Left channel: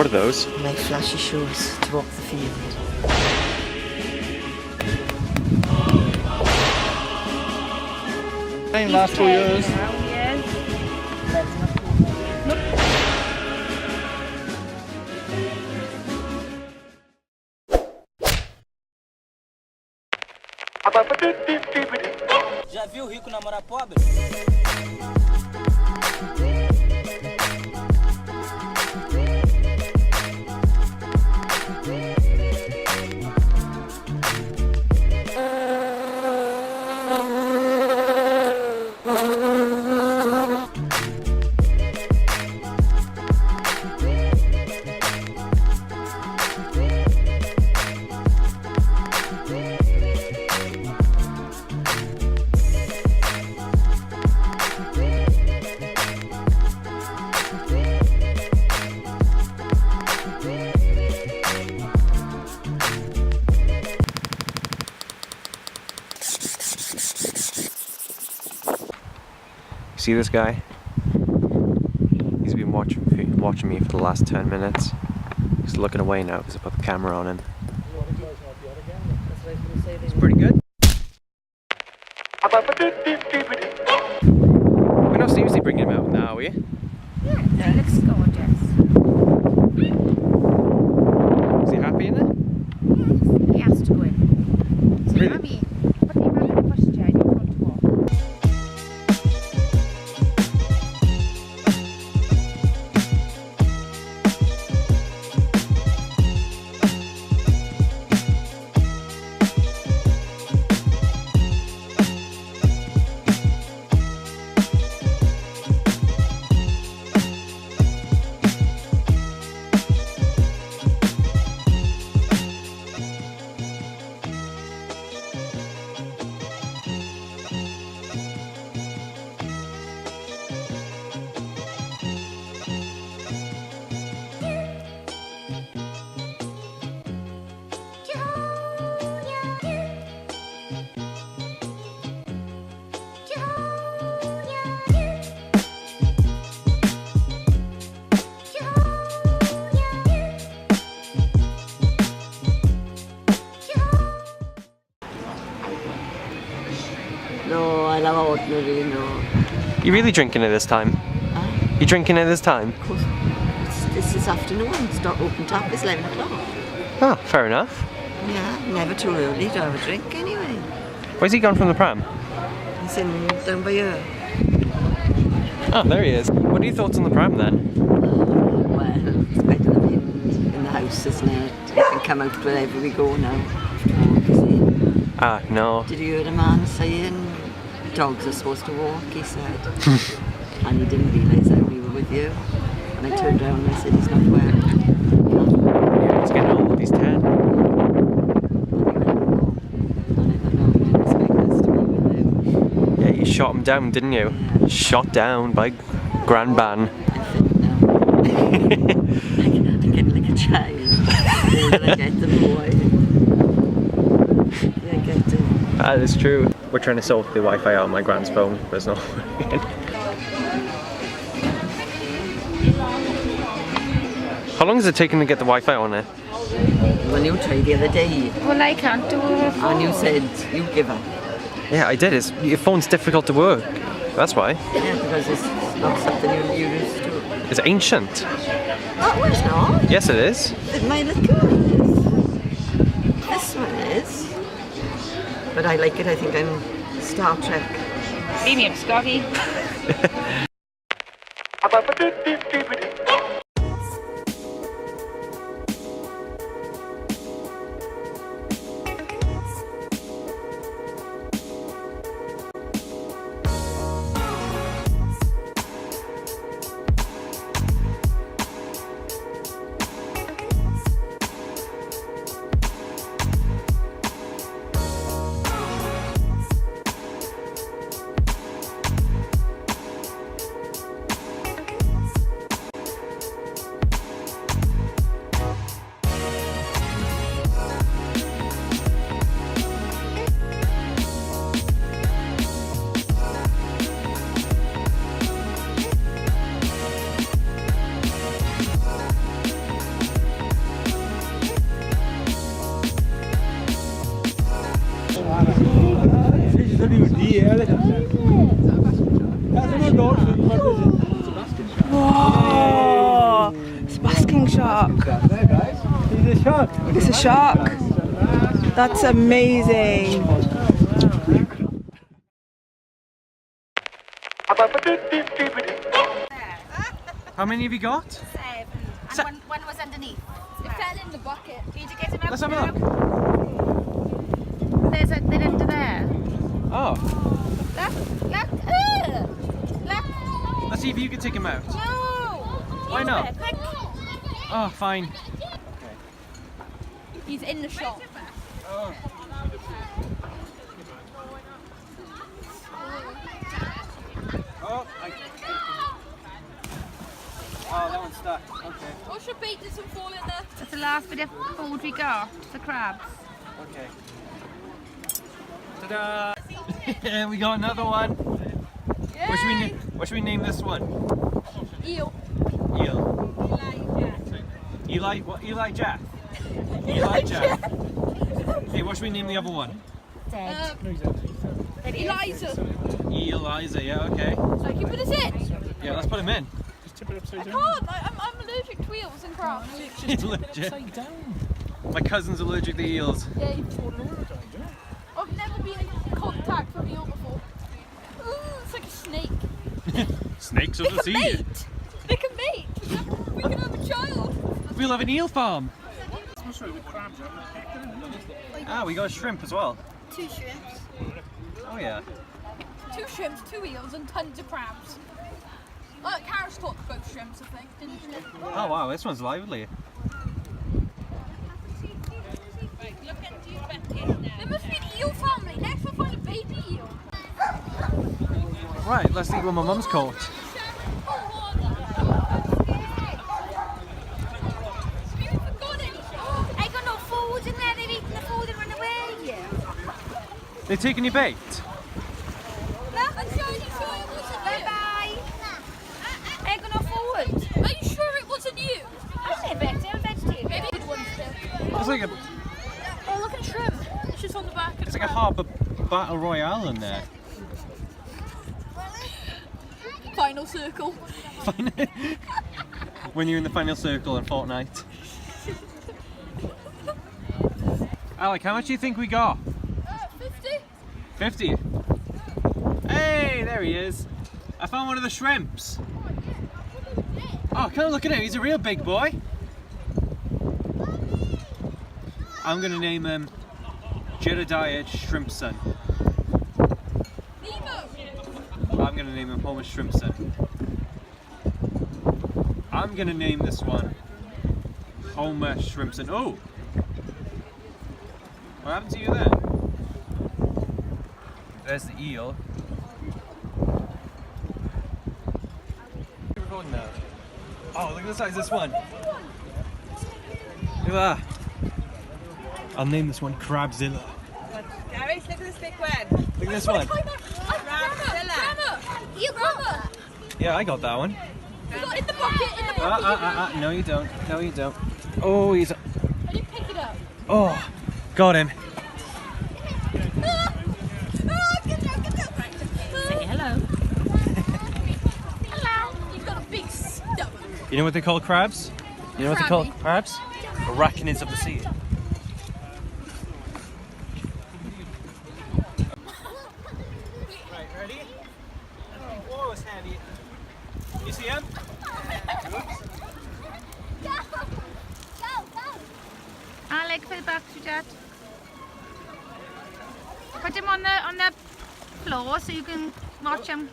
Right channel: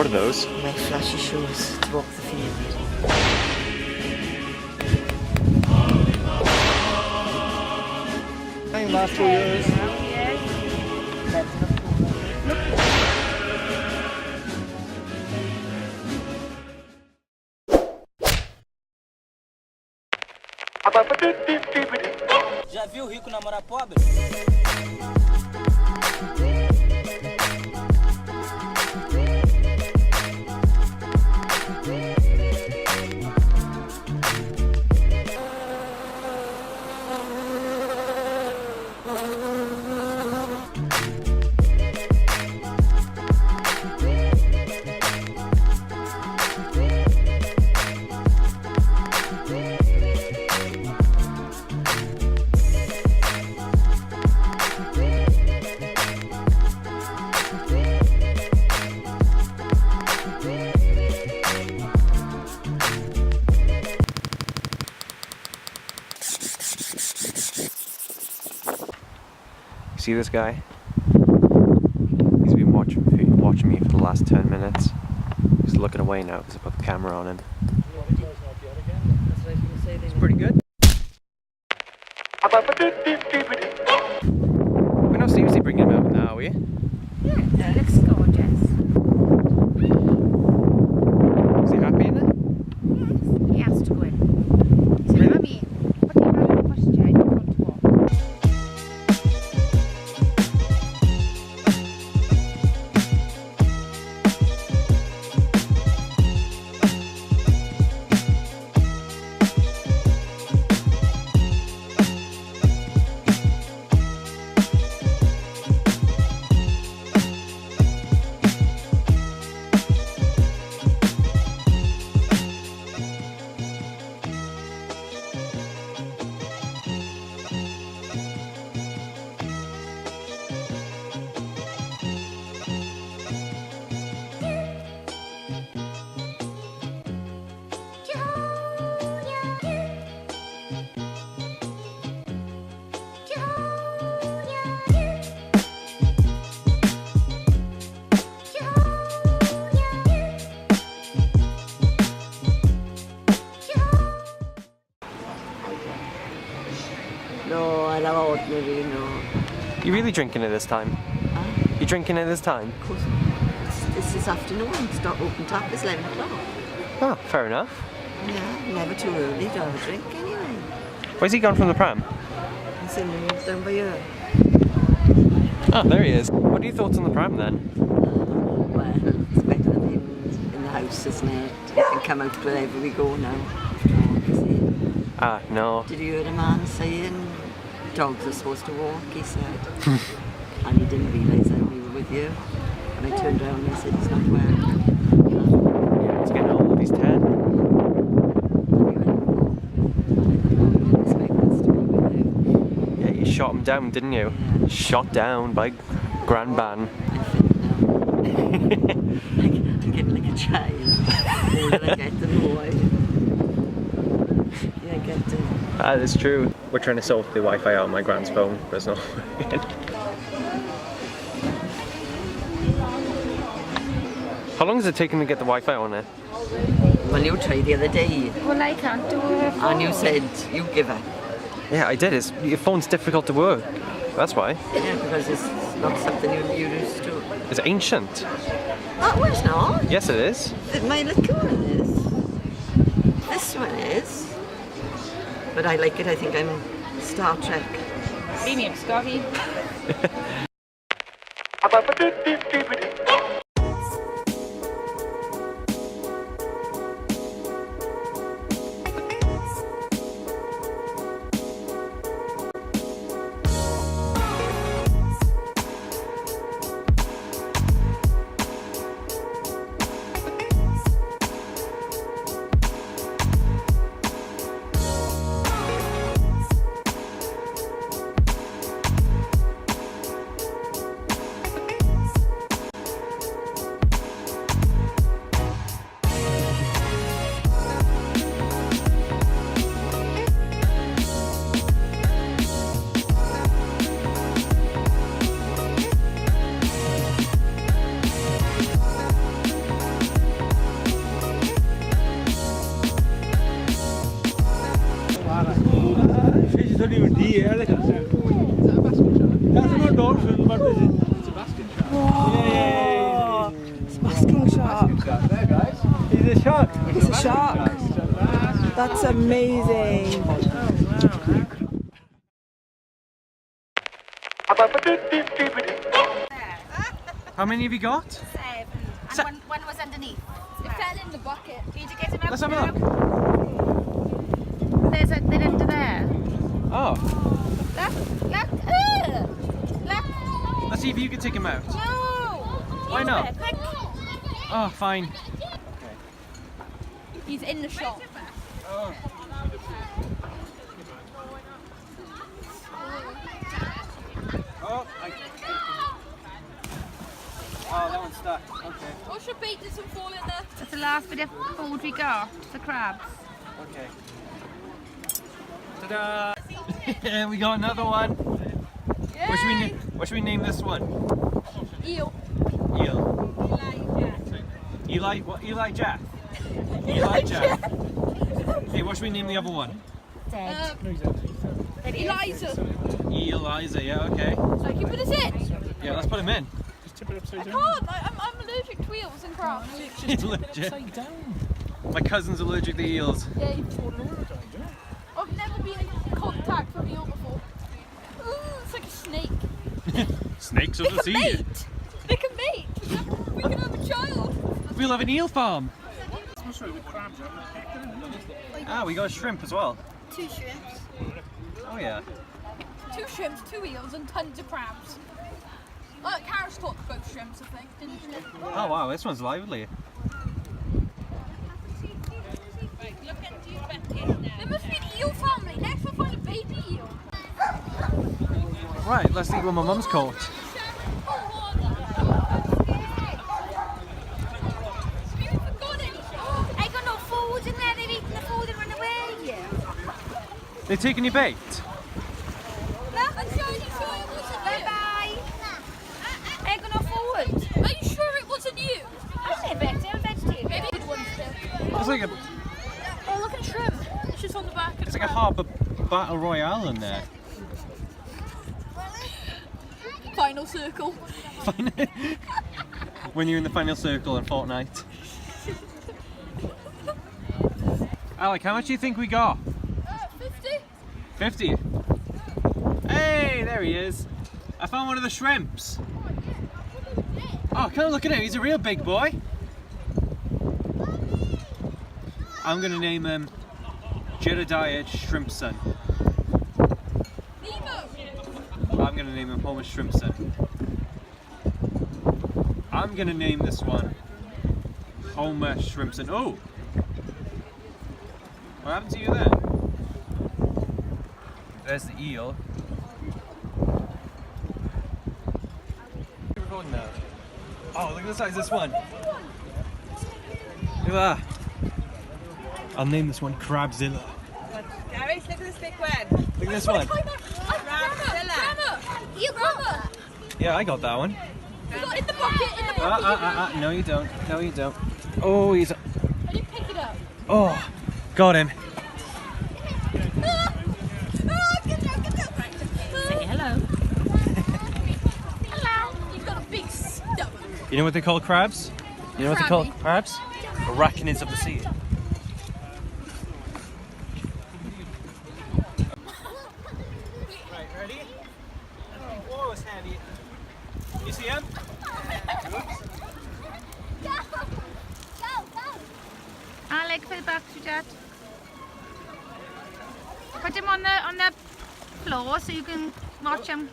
What are those? My flashy shoes to walk the field. Last 4 years. Já viu rico namorar pobre? See this guy? He's been watching me for the last 10 minutes. He's looking away now because I put the camera on him. It's pretty good. We're not seriously bringing him out now, are we? Yeah, he looks gorgeous. Is he happy in it? Yes, he has to go in. So, Really? Mummy, put him back in the pushchair, I don't want to walk. No, I love ordinary, no. You really drinking it this time? You drinking it this time? Of course, it's this afternoon. It's not open tap. It's 11 o'clock. Oh, fair enough. Yeah, never too early to have a drink anyway. Where's he gone from the pram? He's in down by here. Oh, there he is. What are your thoughts on the pram then? Well, it's better than being in the house, isn't it? You can come out wherever we go now. Have to walk, is it? Ah, no. Did you hear a man saying dogs are supposed to walk, he said. And he didn't realise that we were with you. And I turned around and I said, he's not well. Yeah, he's getting old. He's 10. And he went, oh. And I thought, no, you didn't expect us to be with you. Yeah, you shot him down, didn't you? Yeah. Shot down by Grand Ban. I'm fit now. I'm getting like a child. The older I get, the more I get it. That is true. We're trying to sort the Wi-Fi out on my grand's phone, but it's not working. How long is it taking to get the Wi-Fi on it? Well, you tried the other day, Well, I can't do it. and you said you give up. Yeah, I did. Your phone's difficult to work. That's why. Yeah, because it's not something you're used to. It's ancient. Oh, well, it's not. Yes, it is. My little one is. This one is. But I like it. I think I'm Star Trek. Premium Scotty. Oh, it's a basking shark. He's a shark. It's a shark. That's amazing. How many have you got? 7. And one was underneath. It fell in the bucket. Need to get him out. Let's have a look. They're under there. Oh, Look. let's see if you can take him out. No. Why not? Quick. Oh, fine. He's in the shop. Oh, that one's stuck. Okay. What's your bait? Did some fall in there? That's the last bit of food we got. The crabs. Okay. Ta-da! We got another one. What should we name this one? Eel. Eel. Eli. What? Eli Jack. Eli Jack. Okay. What should we name the other one? Dead. Eliza. Eliza. Yeah. Okay. So can you put us in? Yeah. Let's put him in. I can't. I'm allergic to eels and crabs. He's allergic. My cousin's allergic to eels. Yeah, I've never been in contact with an eel before. Ooh, it's like a snake. Snakes of the sea. Mate! They can mate! We can have a child! We'll have an eel farm. Ah, we got a shrimp as well. 2 shrimps. Oh yeah. 2 shrimps, 2 eels, and tons of crabs. Karis caught both shrimps, I think, didn't she? Oh wow, this one's lively. There must be an eel family. Next we'll find a baby eel. Right, let's see what my mum's caught. I got no food in there. They've eaten the food and run away. They taking your bait? Bye. I got no food. Are you sure it wasn't you? I say better. I'm a vegetarian. Maybe good one still. It's like a Oh, look at shrimp. It's just on the back of it's the like a crab. harbour battle royale in there. Final circle. When you're in the final circle in Fortnite. Alec, how much do you think we got? 50. 50. Hey, there he is. I found one of the shrimps. Oh, come on, look at him. He's a real big boy. I'm going to name him Jedediah Shrimpson. Nemo. I'm going to name him Homer Shrimpson. I'm going to name this one Homer Shrimpson. Oh! What happened to you then? There's the eel. We're recording now. Oh, look at the size of this one. Look at that. I'll name this one Crabzilla. Gareth, look at this big one. Look at this one. You got it. Yeah, I got that one. You got in the bucket. No you don't. No you don't. Oh, he's... I didn't pick it up. Oh, got him. Say hello. Hello. You've got a big stomach. You know what they call crabs? You know what they call Crabby. crabs? Arachnids of the sea. Right, ready? Whoa, it's heavy. You see him? Alec, for the back to Dad. Put him on the floor so you can watch him.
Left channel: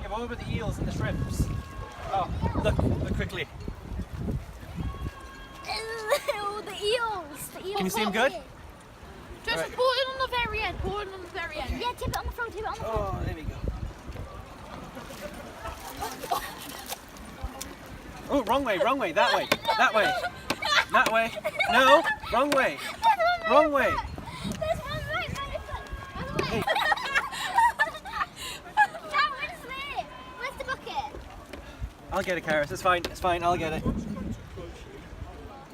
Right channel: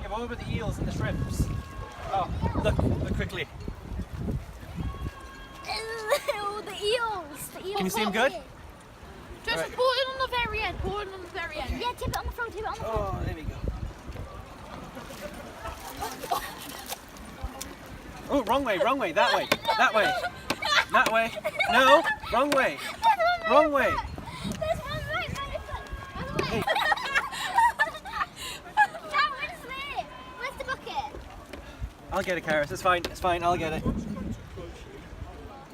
Yeah, what about the eels and the shrimps? Oh, look quickly. The eels. The eels. Can you see him good? Just Right. pour it on the very end. Pour it on the very end. Yeah, tip it on the front. Tip it on the front. Oh, there we go. Oh, wrong way, that way, that way, that way. No, wrong way, wrong way. There's one right there. Hey. That one's there. Where's the bucket? I'll get it, Karis. It's fine, I'll get it.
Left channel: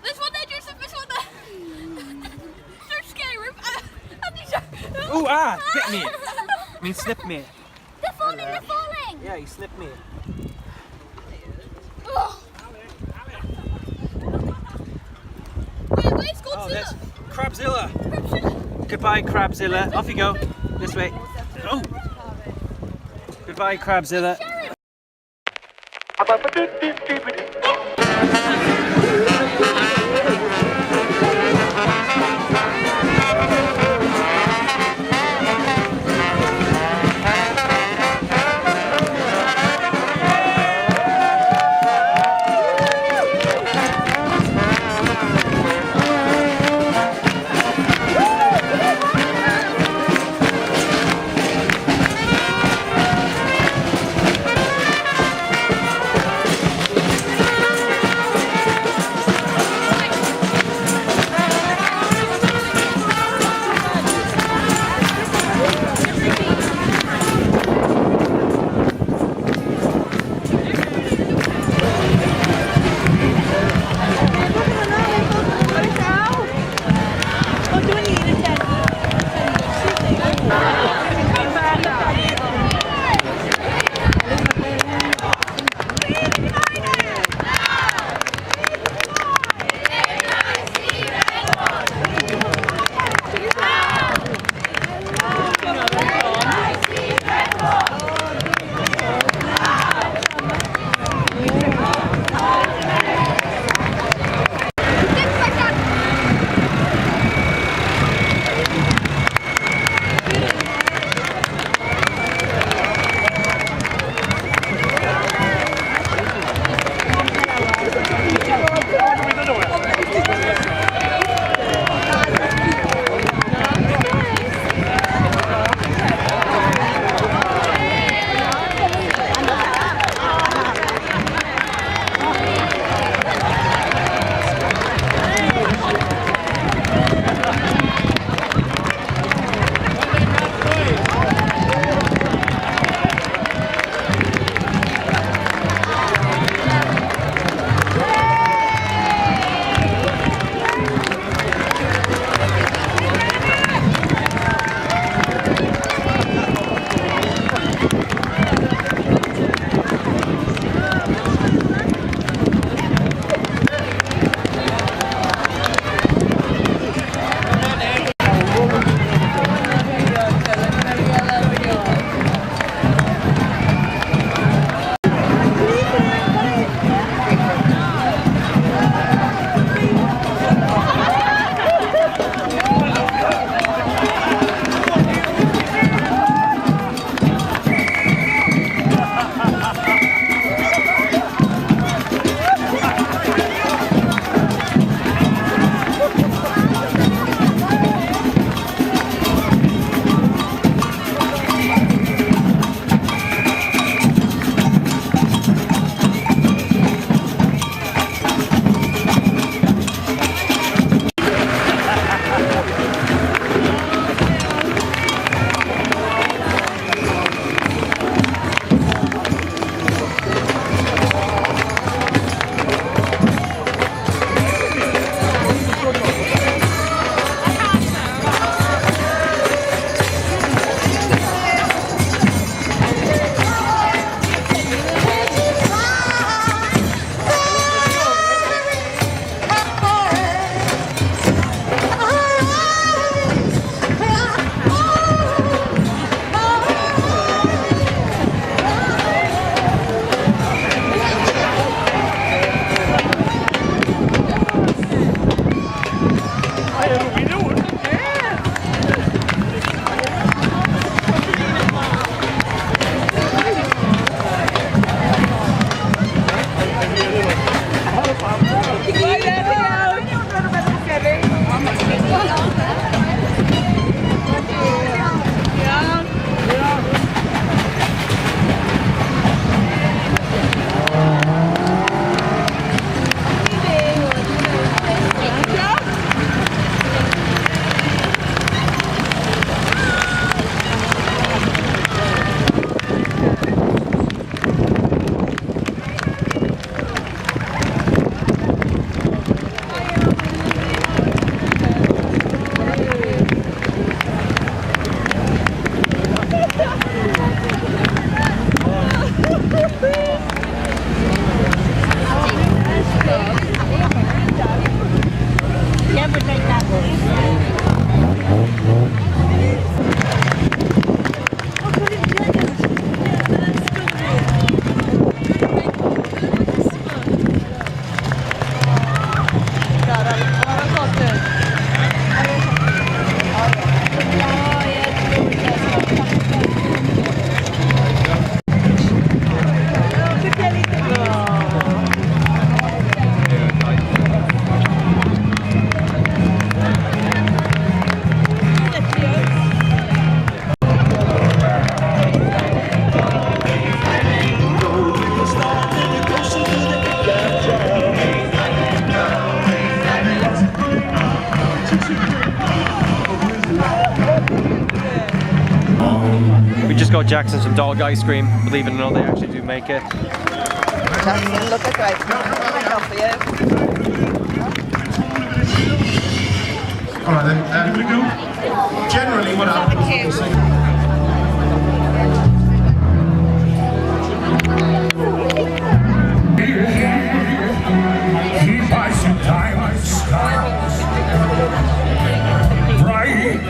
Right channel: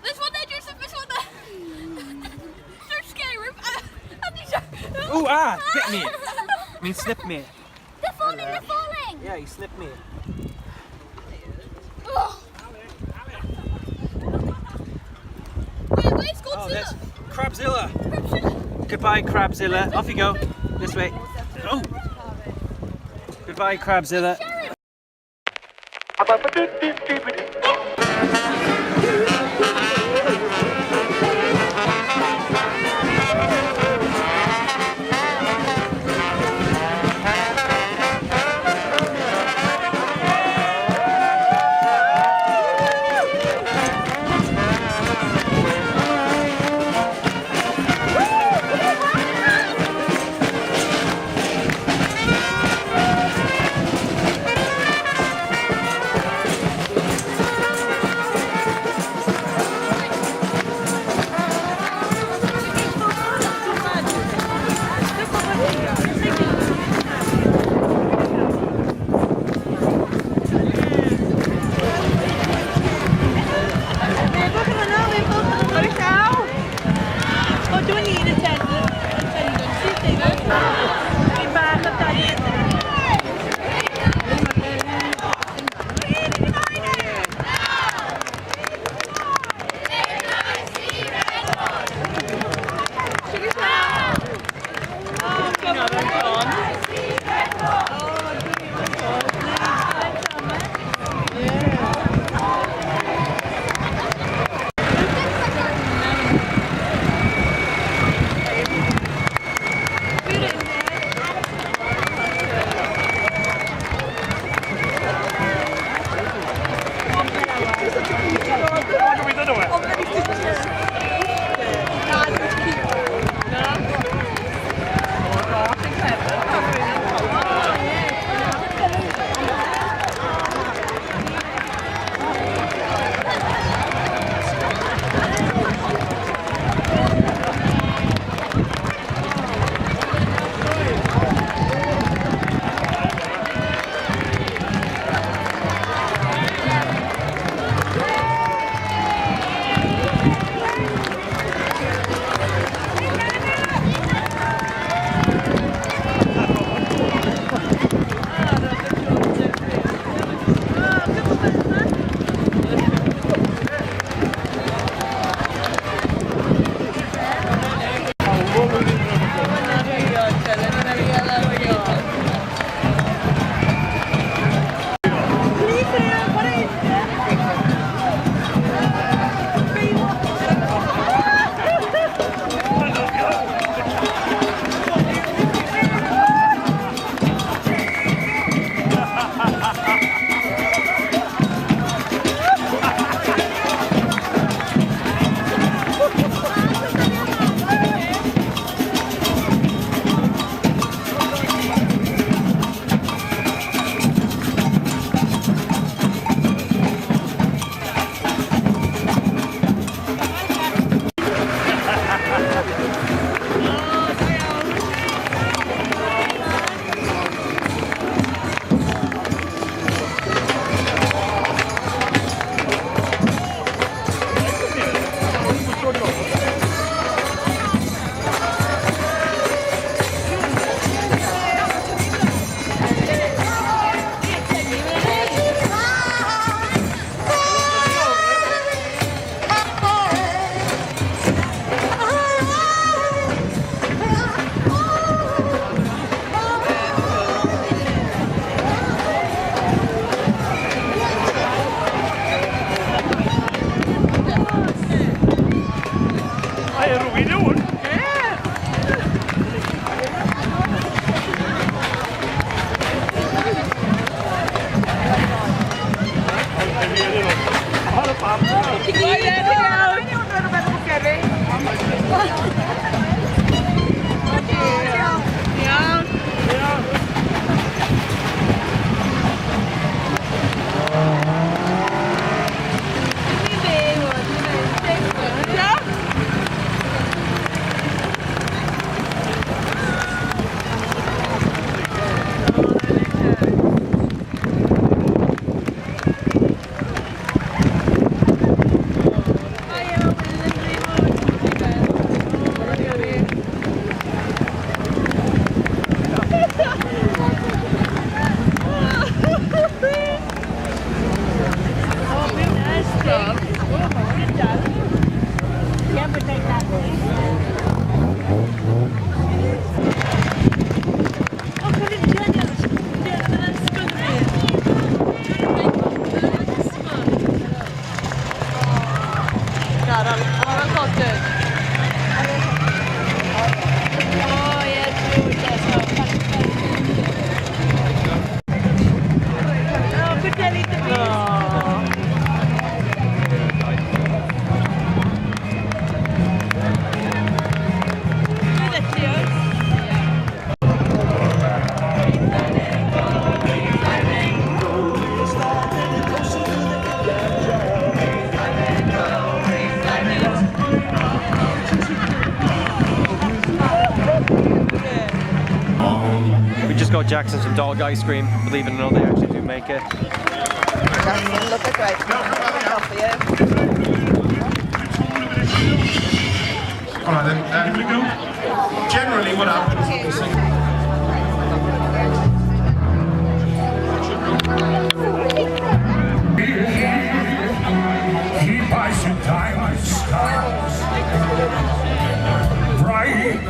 There's one there, Joseph. There's one there. Don't scare him. Ooh, ah, bit me. I mean, slipped me. They're falling, they're falling! Yeah, he slipped me. Ugh. Wait, where's Oh, there's Godzilla? Crabzilla. Goodbye, Crabzilla. Off you go. This way. Oh. Goodbye, Crabzilla. We just got Jackson some dog ice cream. Believe it or not, they actually do make it. Jackson, look at great. Enough for you. Alright then, here we go. Generally what happens... He buys you diamonds, stars, bright,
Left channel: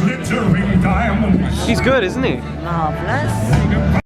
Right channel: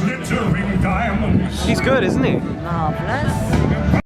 glittering diamonds. He's good, isn't he? Marvellous.